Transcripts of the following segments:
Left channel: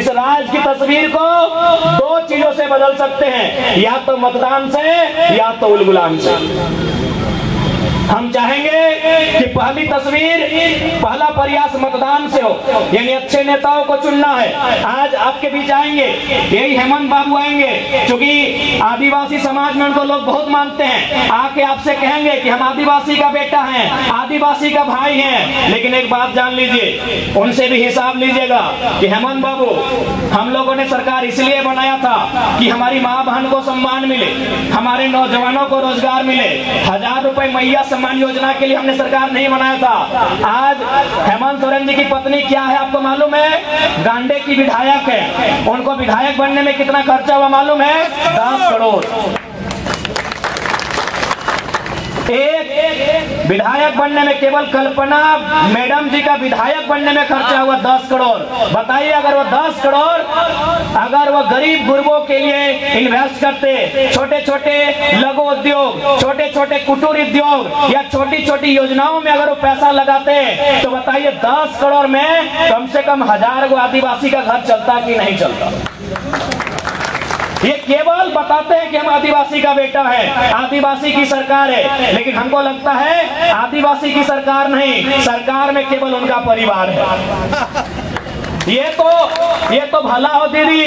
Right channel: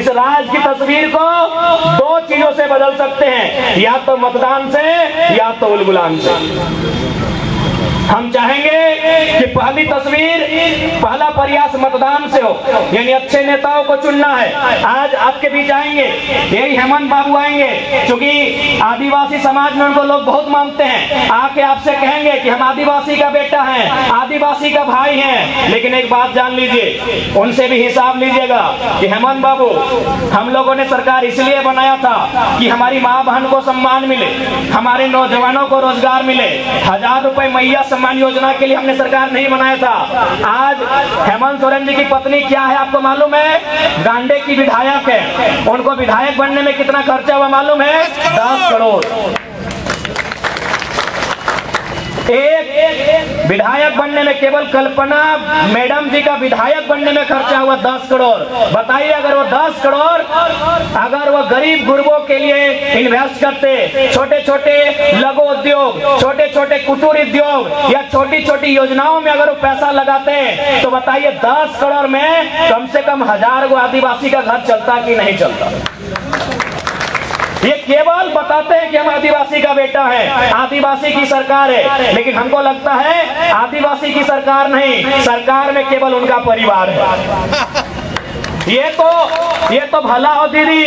इस राज्य की तस्वीर को दो चीजों से बदल सकते हैं, या तो मतदान से या तो उलगुलान से। हम चाहेंगे कि पहली तस्वीर, पहला प्रयास मतदान से हो, यानी अच्छे नेताओं को चुनना है। आज आपके बीच आएंगे, यही हेमंत बाबू आएंगे, क्योंकि आदिवासी समाज में उनको लोग बहुत मानते हैं। आके आपसे कहेंगे कि हम आदिवासी का बेटा हैं, आदिवासी का भाई हैं। लेकिन एक बात जान लीजिए, उनसे भी हिसाब लीजिएगा कि हेमंत बाबू, हम लोगों ने सरकार इसलिए बनाया था कि हमारी माँ बहन को सम्मान मिले, हमारे नौजवानों को रोजगार मिले। 1000 रुपए मैया सम्मान योजना के लिए हमने सरकार नहीं बनाया था। आज हेमंत सोरेन जी की पत्नी क्या है आपको मालूम है? गांडे की विधायक है। उनको विधायक बनने में कितना खर्चा हुआ मालूम है? 10 करोड़। एक विधायक बनने में, केवल कल्पना मैडम जी का विधायक बनने में खर्चा हुआ 10 करोड़। बताइए, अगर वो 10 करोड़ अगर वो गरीब गुरबों के लिए इन्वेस्ट करते, छोटे छोटे लघु उद्योग, छोटे छोटे कुटीर उद्योग या छोटी छोटी योजनाओं में अगर वो पैसा लगाते, तो बताइए 10 करोड़ में कम से कम 1000 गो आदिवासी का घर चलता कि नहीं चलता? ये केवल बताते हैं कि हम आदिवासी का बेटा है, आदिवासी की सरकार है, लेकिन हमको लगता है आदिवासी की सरकार नहीं, सरकार में केवल उनका परिवार है। ये तो भला हो दीदी,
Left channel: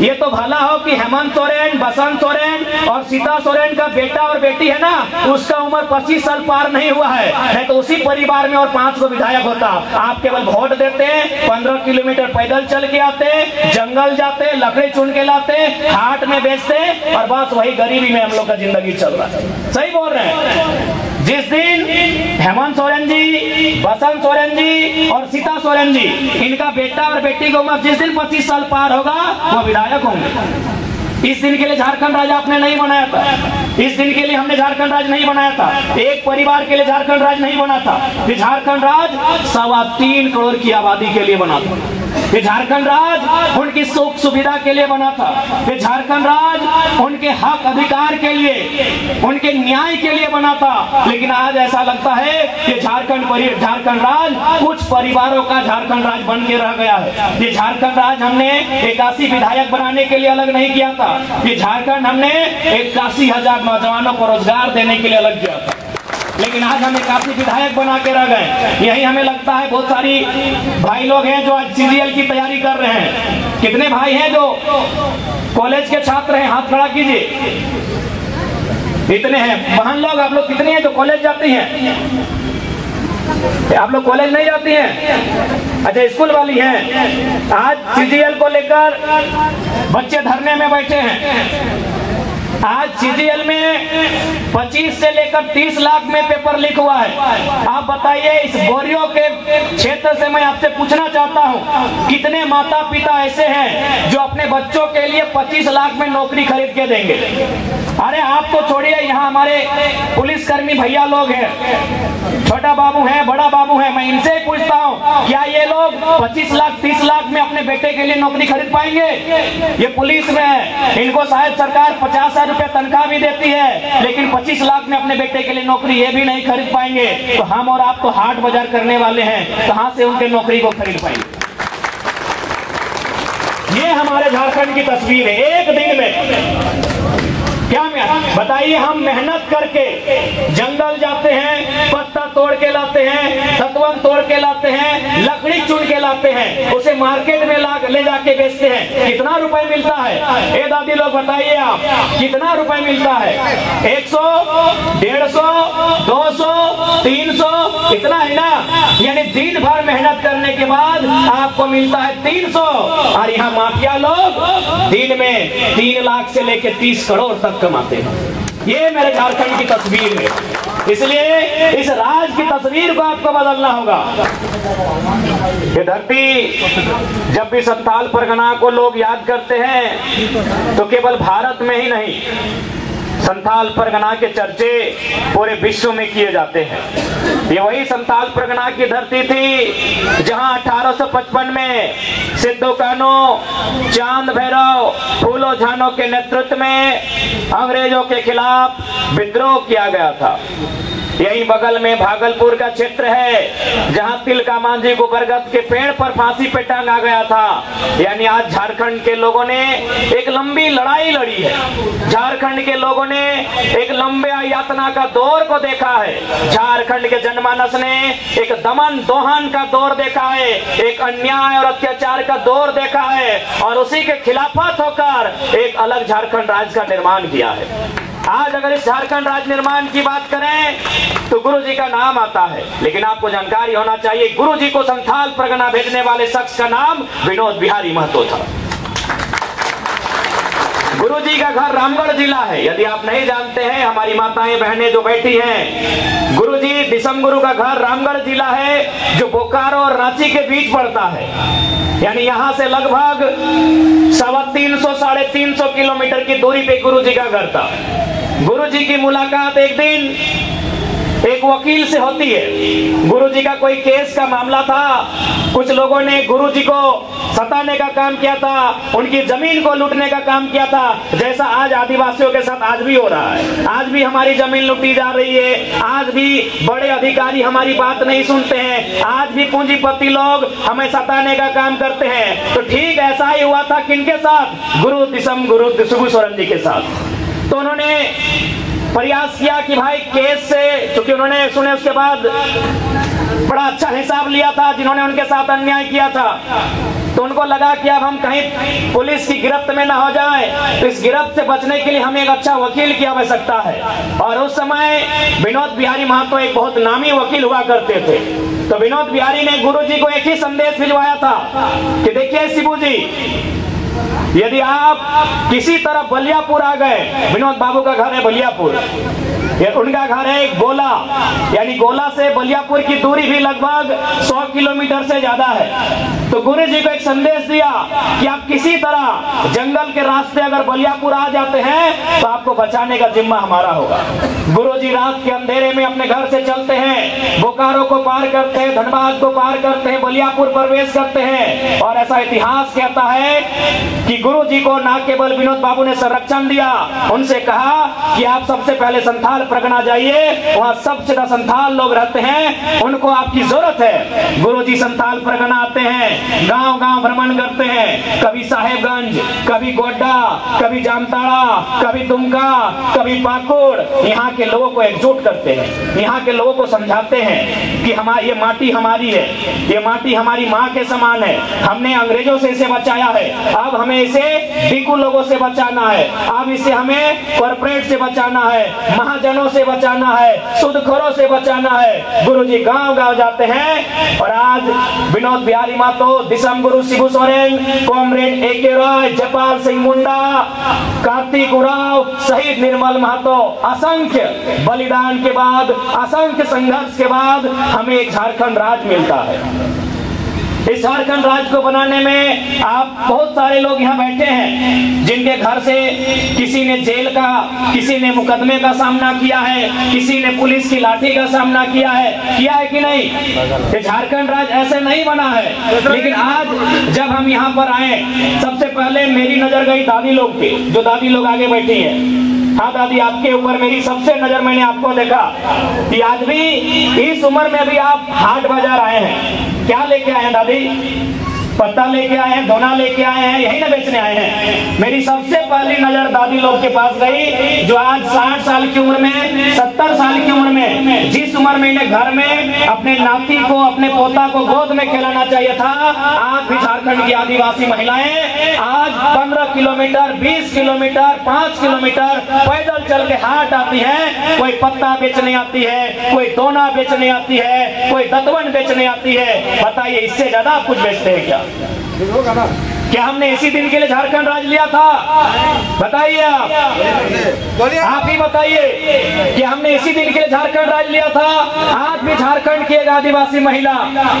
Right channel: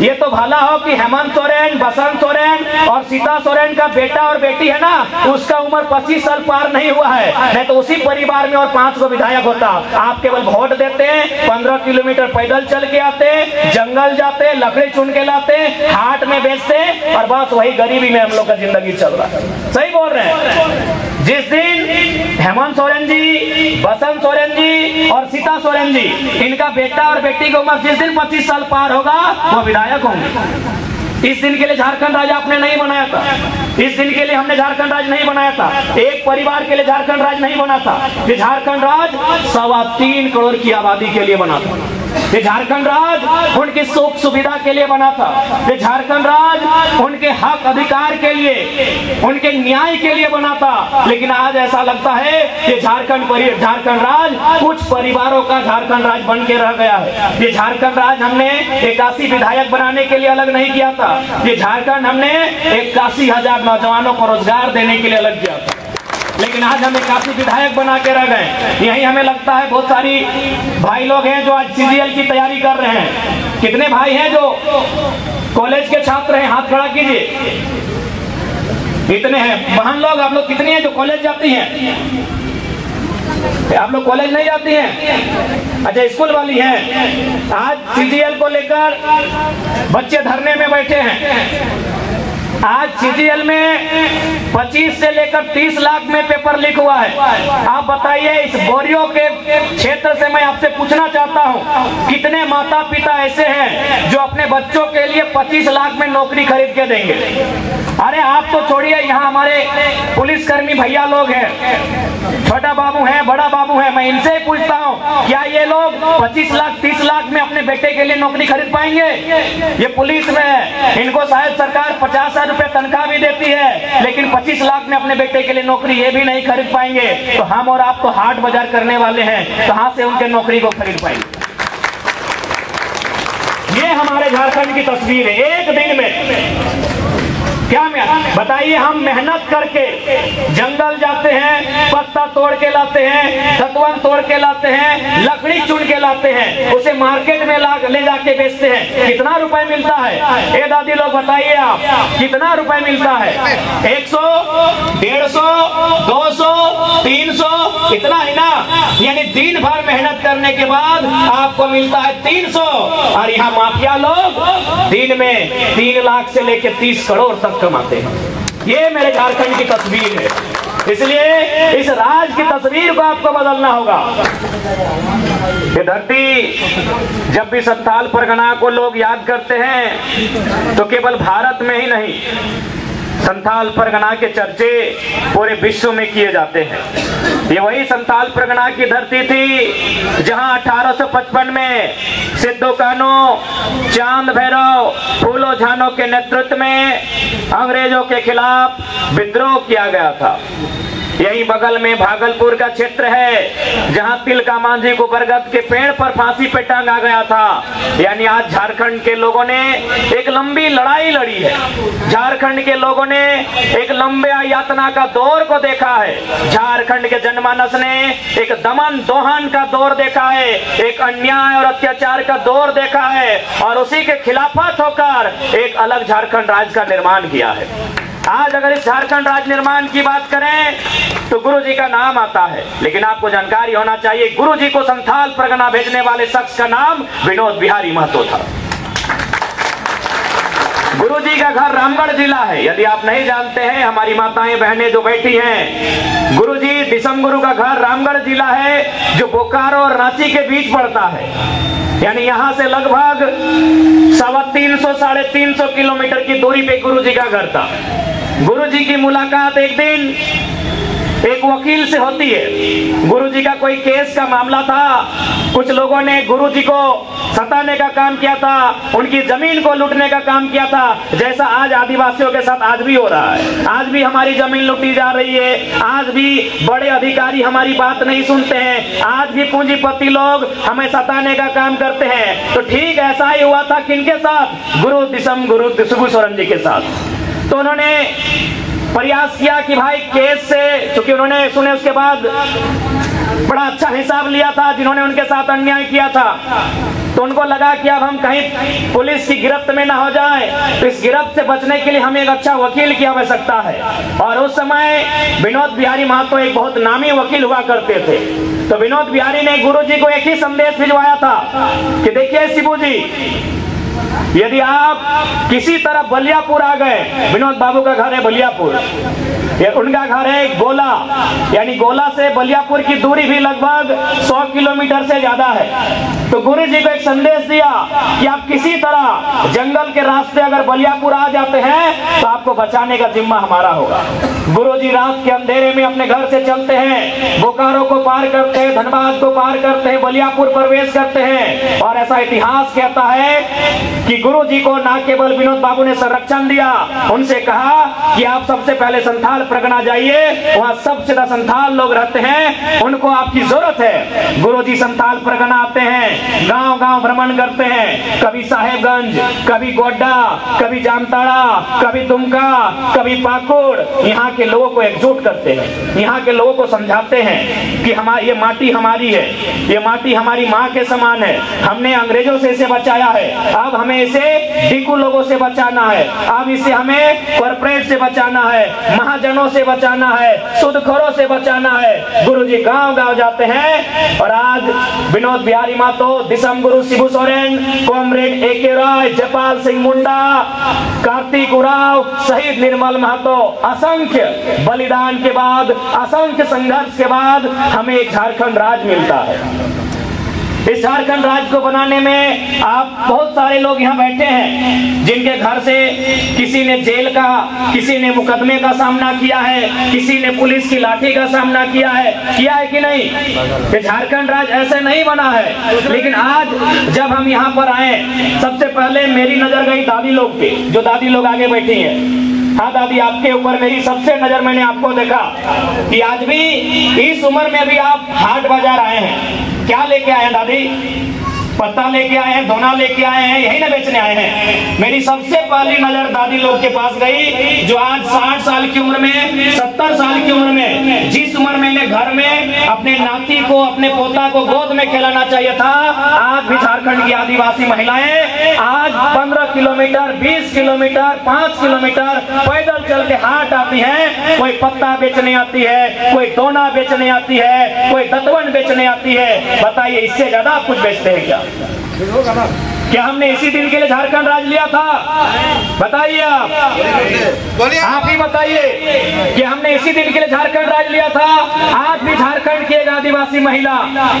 ये तो भला हो कि हेमंत सोरेन, बसंत सोरेन और सीता सोरेन का बेटा और बेटी है ना, उसका उम्र 25 साल पार नहीं हुआ है, नहीं तो उसी परिवार में और 5 को विधायक होता। आप केवल वोट देते, 15 किलोमीटर पैदल चल के आते, जंगल जाते, लकड़ी चुन के लाते, हाट में बेचते, और बस वही गरीबी में हम लोग का जिंदगी चल रहा है। सही बोल रहे हैं। जिस दिन हेमंत सोरेन जी, बसंत सोरेन जी और सीता सोरेन जी, इनका बेटा और बेटी की उम्र जिस दिन 25 साल पार होगा, वो विधायक होंगे। इस दिन के लिए झारखंड राज्य आपने नहीं बनाया था, इस दिन के लिए हमने झारखंड राज्य नहीं बनाया था, एक परिवार के लिए झारखंड राज्य नहीं बना था। ये झारखंड राज्य 3.25 करोड़ की आबादी के लिए बना था। ये झारखंड राज्य उनकी सुख सुविधा के लिए बना था। ये झारखंड राज्य उनके हक अधिकार के लिए, उनके न्याय के लिए बना था। लेकिन आज ऐसा लगता है कि झारखंड राज्य कुछ परिवारों का झारखंड राज्य बन के रह गया है। ये झारखंड राज्य हमने 81 विधायक बनाने के लिए अलग नहीं किया था। ये झारखंड हमने 81,000 नौजवानों को रोजगार देने के लिए अलग किया था। लेकिन आज हमें काफी विधायक बना के रह गए। यही हमें लगता है बहुत सारी भाई लोग हैं जो आज सीजीएल की तैयारी कर रहे हैं। कितने भाई हैं जो कॉलेज के छात्र हैं? हाथ खड़ा कीजिए। इतने हैं। बहन लोग, आप लोग कितने हैं जो कॉलेज जाती हैं? आप लोग कॉलेज नहीं जाती हैं? अच्छा, स्कूल वाली हैं। आज सीजीएल को लेकर बच्चे धरने में बैठे हैं। आज सीजीएल में 25 से लेकर 30 लाख में पेपर लीक हुआ है। आप बताइए, इस बोरियो के क्षेत्र से मैं आपसे पूछना चाहता हूं, कितने माता पिता ऐसे हैं जो अपने बच्चों के लिए 25 लाख में नौकरी खरीद के देंगे? अरे आप तो छोड़िए, यहाँ हमारे पुलिसकर्मी भैया लोग हैं, छोटा बाबू है, बड़ा बाबू है, मैं इनसे ही पूछता हूँ, क्या ये लोग 25 लाख 30 लाख में अपने बेटे के लिए नौकरी खरीद पाएंगे? ये पुलिस में है, इनको शायद सरकार 50,000 रुपए तनख्वाह भी देती है, लेकिन 25 लाख में अपने बेटे के लिए नौकरी ये भी नहीं खरीद पाएंगे। तो हम और आप तो हाट बाजार करने वाले हैं, कहां से उनके नौकरी को खरीद पाएंगे? ये हमारे झारखंड की तस्वीर है। एक दिन में क्या बताइए, हम मेहनत करके जंगल जाते हैं, पत्ता तोड़ के लाते हैं, सतवन तोड़ के लाते हैं, लकड़ी चुन के लाते हैं, उसे मार्केट में ले जाके बेचते हैं। कितना रुपए मिलता है? ए दादी लोग बताइए, आप कितना रुपए मिलता है? 100, 150, 200, 300, इतना ही ना? यानी दिन भर मेहनत करने के बाद आपको मिलता है 300। और यहाँ माफिया लोग दिन में 3 लाख से लेकर 30 करोड़ तक कमाते हैं। ये मेरे झारखंड की तस्वीर है। इसलिए इस राज की तस्वीर को आपको बदलना होगा। ये धरती, जब भी संथाल परगना को लोग याद करते हैं तो केवल भारत में ही नहीं, संथाल परगना के चर्चे पूरे विश्व में किए जाते हैं। ये वही संथाल परगना की धरती थी जहां 1855 में सिद्धू कान्हू, चांद भैरव, फूलो झानो के नेतृत्व में अंग्रेजों के खिलाफ विद्रोह किया गया था। यही बगल में भागलपुर का क्षेत्र है जहां तिलका मांझी को बरगद के पेड़ पर फांसी पे टांगा गया था। यानी आज झारखंड के लोगों ने एक लंबी लड़ाई लड़ी है। झारखंड के लोगों ने एक लंबे यातना का दौर को देखा है। झारखंड के जनमानस ने एक दमन दोहन का दौर देखा है, एक अन्याय और अत्याचार का दौर देखा है और उसी के खिलाफत होकर एक अलग झारखंड राज्य का निर्माण किया है। आज अगर इस झारखंड राज्य निर्माण की बात करें तो गुरु जी का नाम आता है, लेकिन आपको जानकारी होना चाहिए गुरु जी को संथाल परगना भेजने वाले शख्स का नाम विनोद बिहारी महतो था। गुरु जी का घर रामगढ़ जिला है। यदि आप नहीं जानते हैं, हमारी माताएं बहनें जो बैठी हैं, गुरु जी दिसम गुरु का घर रामगढ़ जिला है जो बोकारो और रांची के बीच पड़ता है। यानी यहाँ से लगभग 350 साढ़े 300 किलोमीटर की दूरी पे गुरु जी का घर था। गुरु जी की मुलाकात एक दिन एक वकील से होती है। गुरु जी का कोई केस का मामला था, कुछ लोगों ने गुरु जी को सताने का काम किया था, उनकी जमीन को लूटने का काम किया था, जैसा आज आदिवासियों के साथ आज भी हो रहा है। आज भी हमारी जमीन लूटी जा रही है, आज भी बड़े अधिकारी हमारी बात नहीं सुनते हैं, आज भी पूंजीपति लोग हमें सताने का काम करते हैं। तो ठीक ऐसा ही हुआ था किनके साथ? गुरु दिसम गुरु शिबू सोरेन जी के साथ। तो उन्होंने प्रयास किया कि भाई केस से, क्योंकि उन्होंने सुने उसके बाद बड़ा अच्छा हिसाब लिया था जिन्होंने उनके साथ अन्याय किया था, तो उनको लगा कि अब हम कहीं पुलिस की गिरफ्त में ना हो जाए, तो इस गिरफ्त से बचने के लिए हमें एक अच्छा वकील की आवश्यकता है। और उस समय विनोद बिहारी महतो एक बहुत नामी वकील हुआ करते थे। तो विनोद बिहारी ने गुरु जी को एक ही संदेश भिजवाया था कि देखिए शिबू जी, यदि आप किसी तरह बलियापुर आ गए, विनोद बाबू का घर है बलियापुर, उनका घर है गोला, यानी गोला से बलियापुर की दूरी भी लगभग 100 किलोमीटर से ज्यादा है। तो गुरु जी को एक संदेश दिया कि आप किसी तरह जंगल के रास्ते अगर बलियापुर आ जाते हैं तो आपको बचाने का जिम्मा हमारा होगा। गुरु जी रात के अंधेरे में अपने घर से चलते हैं, बोकारो को पार करते हैं, धनबाद को पार करते हैं, बलियापुर प्रवेश करते हैं। और ऐसा इतिहास कहता है कि गुरु जी को न केवल विनोद बाबू ने संरक्षण दिया, उनसे कहा कि आप सबसे पहले संथाल परगना जाइए, वहाँ सबसे ज्यादा संथाल लोग रहते हैं, उनको आपकी जरूरत है। गुरु जी संथाल परगना आते हैं, गांव गांव भ्रमण करते हैं, कभी साहेबगंज, कभी गोड्डा, कभी जामताड़ा, कभी दुमका, कभी पाकुड़। यहाँ के लोगों को एकजुट करते हैं, यहाँ के लोगों को समझाते हैं कि हमारी ये माटी हमारी है, ये माटी हमारी माँ के समान है, हमने अंग्रेजों से इसे बचाया है, अब हमें इसे डिकू लोगों से बचाना है, अब इसे हमें कॉर्पोरेट से बचाना है, महाजनों से बचाना है, सूदखोरों से बचाना है। गुरु जी गांव गांव जाते हैं। और आज विनोद बिहारी महतो, दिसम गुरु शिबू सोरेन, कॉमरेड ए.के. राय, जयपाल सिंह मुंडा, कार्तिक उराव, शहीद निर्मल महतो, असंख्य बलिदान के बाद, असंख्य संघर्ष के बाद हमें झारखंड राज्य मिलता है। इस झारखंड राज्य को बनाने में आप बहुत सारे लोग यहाँ बैठे हैं जिनके घर से किसी ने जेल का, किसी ने मुकदमे का सामना किया है, किसी ने पुलिस की लाठी का सामना किया है कि नहीं? ये झारखंड राज्य ऐसे नहीं बना है। लेकिन आज जब हम यहाँ पर आए, सबसे पहले मेरी नजर गई दादी लोग की, जो दादी लोग आगे बैठी हैं। हाँ दादी, आपके ऊपर मेरी सबसे नजर, मैंने आपको देखा कि आज भी इस उम्र में भी आप हाट बाजार आए हैं। क्या लेके आए हैं दादी? पत्ता लेके आए हैं, दोना लेके आए हैं, यही ना बेचने आए हैं? मेरी सबसे पहली नजर दादी लोग के पास गई जो आज 60 साल की उम्र में, 70 साल की उम्र में, जिस उम्र में इन्हें घर में अपने नाती को, अपने पोता को गोद में खिलाना चाहिए था, आज भी झारखंड की आदिवासी महिलाएं आज 15 किलोमीटर, 20 किलोमीटर, 5 किलोमीटर पैदल चल के हाट आती है। कोई पत्ता बेचने आती है, कोई दोना बेचने आती है, कोई दतवन बेचने आती है। बताइए, इससे ज्यादा आप कुछ बेचते हैं क्या? क्या हमने इसी दिन के लिए झारखंड राज्य लिया था? बताइए, आप ही बताइए कि हमने इसी दिन के लिए झारखंड राज्य लिया था? आज भी झारखंड की एक आदिवासी महिला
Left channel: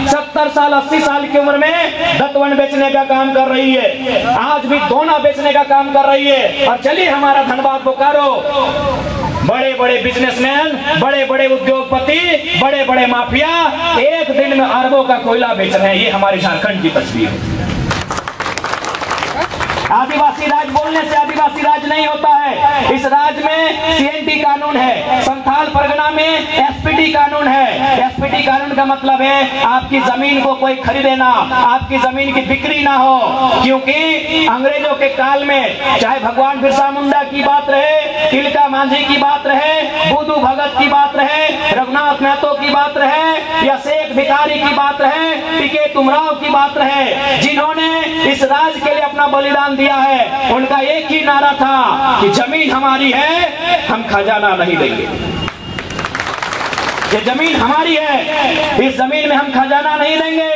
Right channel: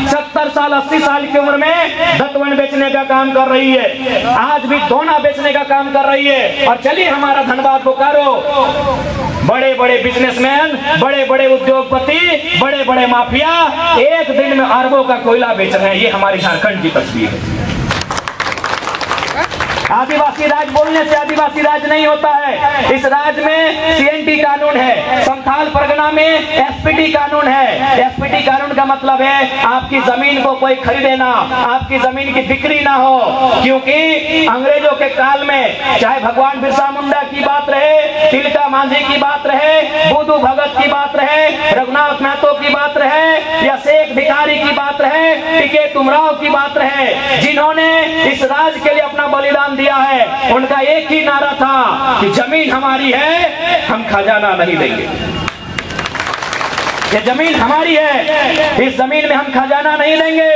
70 साल 80 साल की उम्र में दतवन बेचने का काम कर रही है, आज भी दोना बेचने का काम कर रही है। और चलिए हमारा धनबाद बोकारो, बड़े बड़े बिजनेसमैन, बड़े बड़े उद्योगपति, बड़े बड़े माफिया एक दिन में अरबों का कोयला बेच रहे हैं। ये हमारी झारखंड की तस्वीर है। आदिवासी राज बोलने से आदिवासी राज नहीं होता है। इस राज में सीएनटी कानून है, संथाल परगना में एसपीटी कानून है। एसपीटी कानून का मतलब है आपकी जमीन को कोई खरीदे ना, आपकी जमीन की बिक्री ना हो, क्योंकि अंग्रेजों के काल में चाहे भगवान बिरसा मुंडा की बात रहे, तिलका मांझी की बात रहे, बुद्धू भगत की बात रहे, रघुनाथ महतो की बात रहे, या शेख भिखारी की बात रहे, टीके तुमराव की बात रहे, जिन्होंने इस राज के लिए अपना बलिदान दिया है, उनका एक ही नारा था कि जमीन हमारी है, हम खजाना नहीं देंगे। ये जमीन हमारी है, इस जमीन में हम खजाना नहीं देंगे।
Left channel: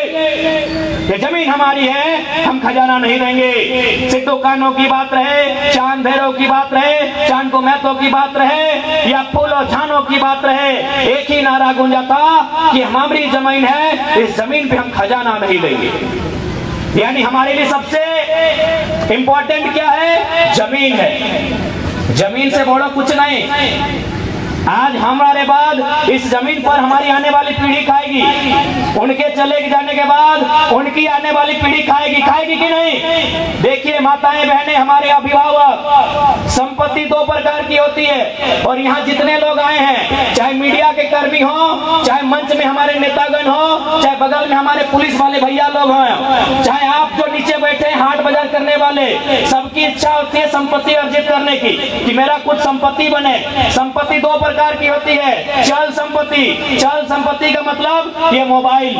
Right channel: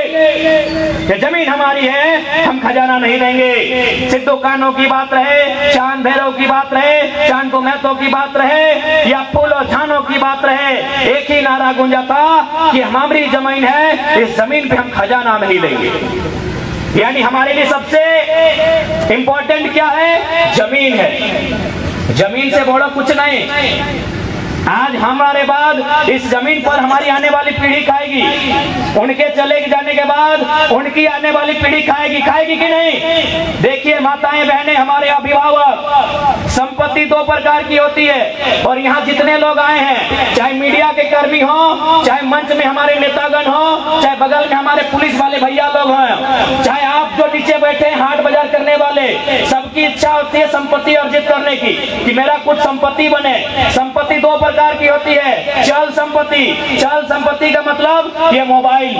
ये जमीन हमारी है, हम खजाना नहीं देंगे। सिद्धू कान्हो की बात रहे, चांद भैरव की बात रहे, चांद को महतो की बात रहे, या फूल और झानो की बात रहे, एक ही नारा गूंजा था कि हमारी जमीन है, इस जमीन पे हम खजाना नहीं देंगे। यानी हमारे लिए सबसे इंपॉर्टेंट क्या है? जमीन है। जमीन से बड़ा कुछ नहीं। आज हमारे बाद इस जमीन पर हमारी आने वाली पीढ़ी खाएगी, उनके चले जाने के बाद उनकी आने वाली पीढ़ी खाएगी कि नहीं? देखिए माताएं बहनें, हमारे अभिभावक, संपत्ति दो प्रकार की होती है। और यहाँ जितने लोग आए हैं, चाहे मीडिया के कर्मी हो, चाहे मंच में हमारे नेतागण हो, चाहे बगल में हमारे पुलिस वाले भैया लोग हैं, चाहे आप जो नीचे बैठे हाट बाजार करने वाले, सबकी इच्छा होती है संपत्ति अर्जित करने की, कि मेरा कुछ संपत्ति बने। संपत्ति दो प्रकार की होती है। चल संपत्ति, चल संपत्ति का मतलब ये मोबाइल,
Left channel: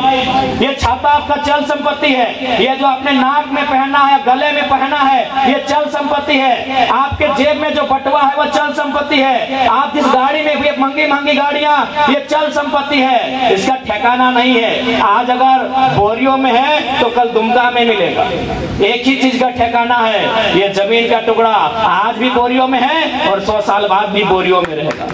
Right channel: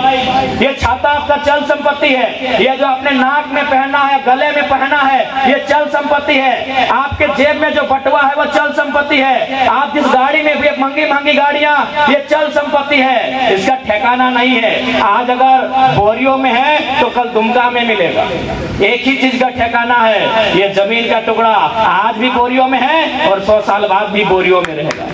ये छाता आपका चल संपत्ति है। ये जो अपने नाक में पहनना है, गले में पहनना है, ये चल संपत्ति है। आपके जेब में जो बटुआ है वो चल संपत्ति है। आप जिस गाड़ी में भी महंगी महंगी गाड़ियां, ये चल संपत्ति है, इसका ठिकाना नहीं है। आज अगर बोरियों में है तो कल दुमका में मिलेगा। एक ही चीज का ठिकाना है, ये जमीन का टुकड़ा आज भी बोरियों में है और 100 साल बाद भी बोरियों में रहेगा।